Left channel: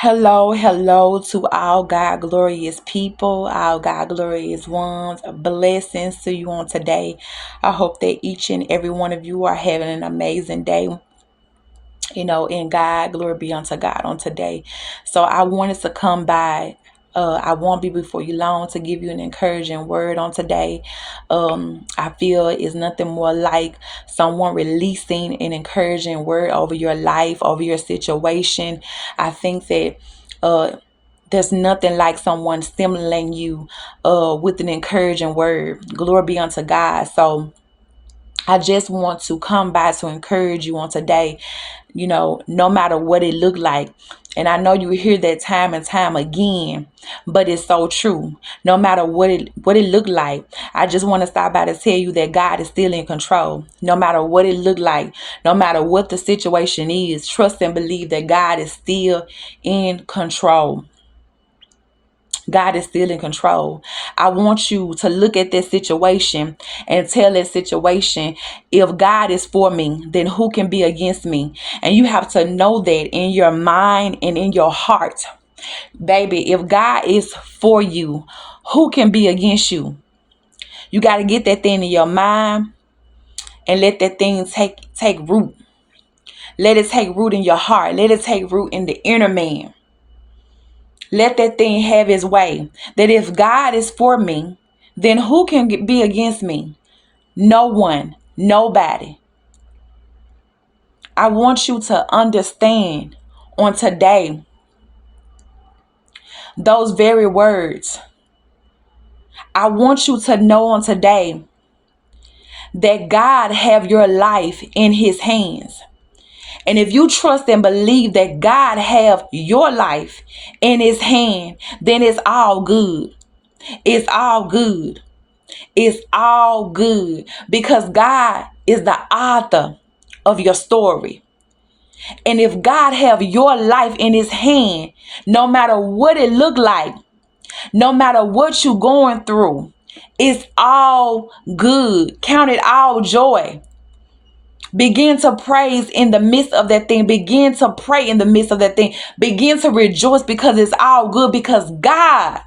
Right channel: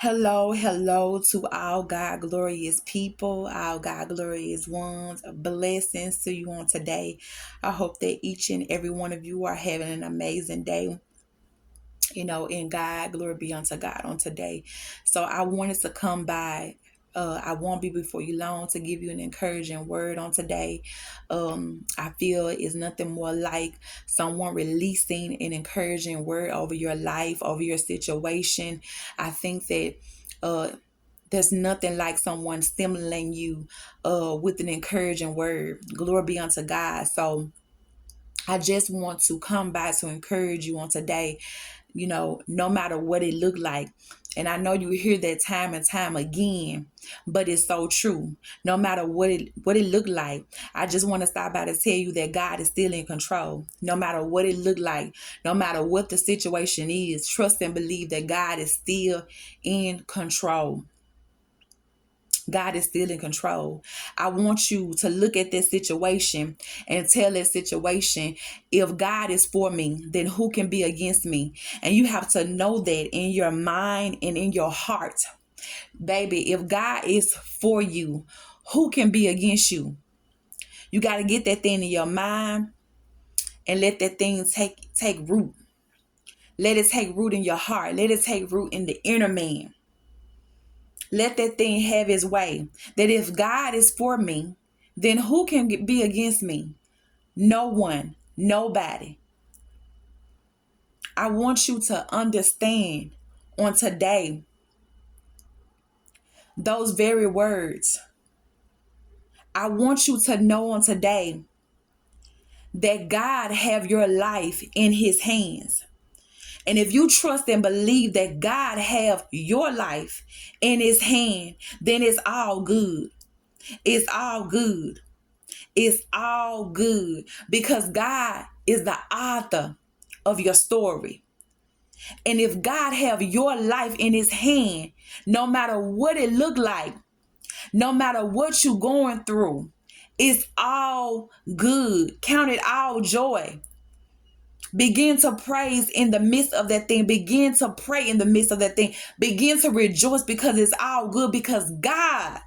Hello, hello to all God glorious people, all God glorious ones. Blessings to you on today. I hope that each and every one of you are having an amazing day. In God, glory be unto God on today. So I wanted to come by. I won't be before you long to give you an encouraging word on today. I feel it's nothing more like someone releasing an encouraging word over your life, over your situation. I think that there's nothing like someone stimulating you with an encouraging word. Glory be unto God. So I just want to come by to encourage you on today, no matter what it looked like. And I know you hear that time and time again, but it's so true. No matter what it looked like, I just want to stop by to tell you that God is still in control. No matter what it looked like, no matter what the situation is, trust and believe that God is still in control. God is still in control. I want you to look at this situation and tell that situation, if God is for me, then who can be against me? And you have to know that in your mind and in your heart. Baby, if God is for you, who can be against you? You got to get that thing in your mind and let that thing take root. Let it take root in your heart. Let it take root in the inner man. Let that thing have its way. That if God is for me, then who can be against me? No one, nobody. I want you to understand on today those very words. I want you to know on today that God have your life in his hands. And if you trust and believe that God have your life in his hand, then it's all good. It's all good. It's all good because God is the author of your story. And if God have your life in his hand, no matter what it look like, no matter what you going through, it's all good. Count it all joy. Begin to praise in the midst of that thing. Begin to pray in the midst of that thing. Begin to rejoice because it's all good because God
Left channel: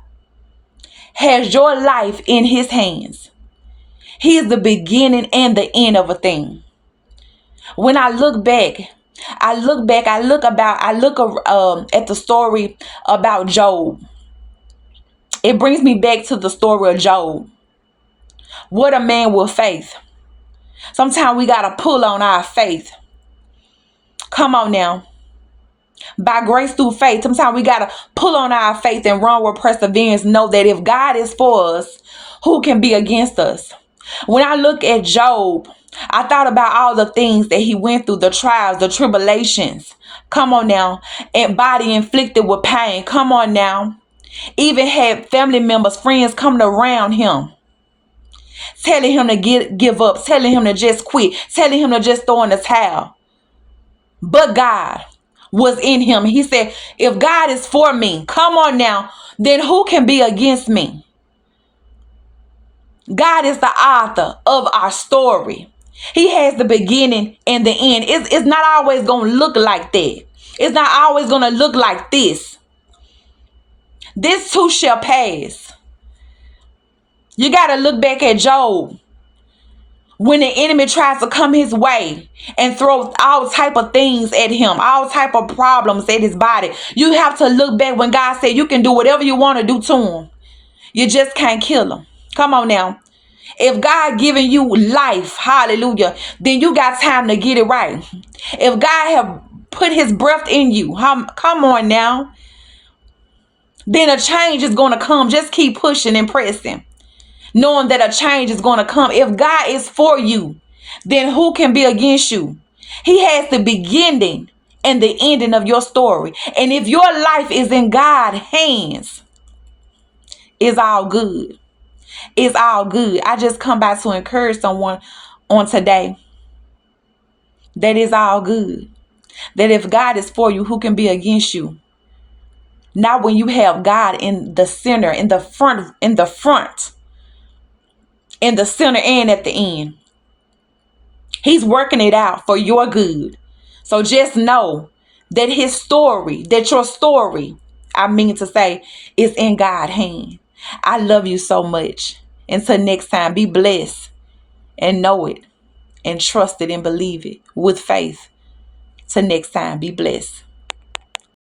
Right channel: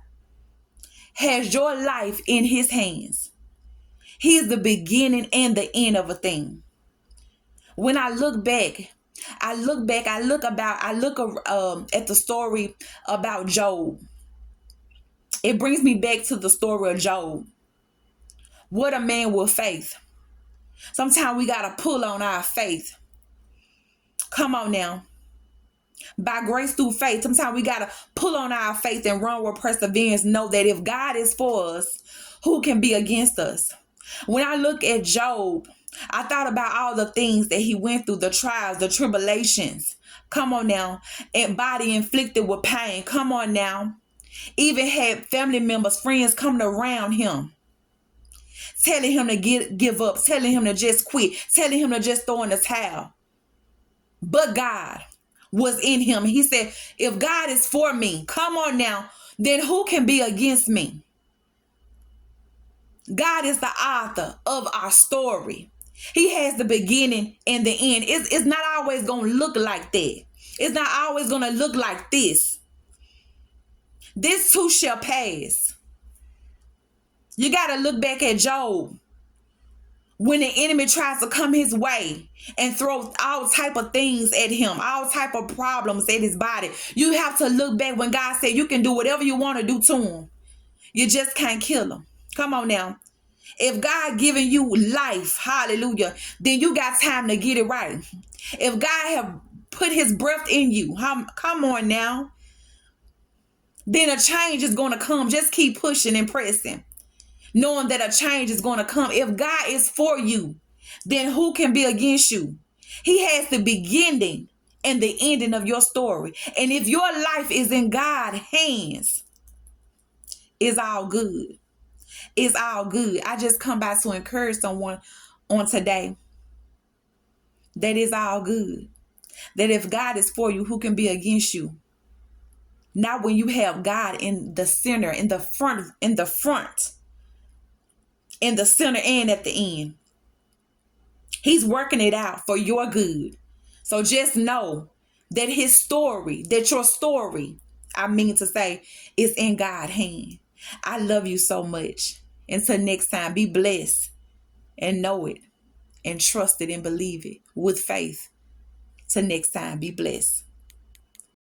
has your life in his hands. He is the beginning and the end of a thing. When I look back, I look at the story about Job. It brings me back to the story of Job. What a man with faith. Sometimes we got to pull on our faith. Come on now. By grace through faith, sometimes we got to pull on our faith and run with perseverance. Know that if God is for us, who can be against us? When I look at Job, I thought about all the things that he went through, the trials, the tribulations. Come on now. And body inflicted with pain. Come on now. Even had family members, friends coming around him, telling him to give up, telling him to just quit, telling him to just throw in the towel. But God was in him. He said, if God is for me, come on now, then who can be against me? God is the author of our story. He has the beginning and the end. It's not always going to look like that. It's not always going to look like this. This too shall pass. You got to look back at Job. When the enemy tries to come his way and throw all type of things at him, all type of problems at his body, you have to look back when God said you can do whatever you want to do to him. You just can't kill him. Come on now. If God giving you life, hallelujah, then you got time to get it right. If God have put his breath in you, come on now, then a change is going to come. Just keep pushing and pressing, knowing that a change is going to come. If God is for you, then who can be against you? He has the beginning and the ending of your story. And if your life is in God's hands, it's all good. It's all good. I just come by to encourage someone on today that is all good. That if God is for you, who can be against you? Not when you have God in the center, in the front, in the center and at the end. He's working it out for your good. So just know that his story, that your story, I mean to say, is in God's hand. I love you so much. Until next time, be blessed and know it and trust it and believe it with faith. Till next time, be blessed.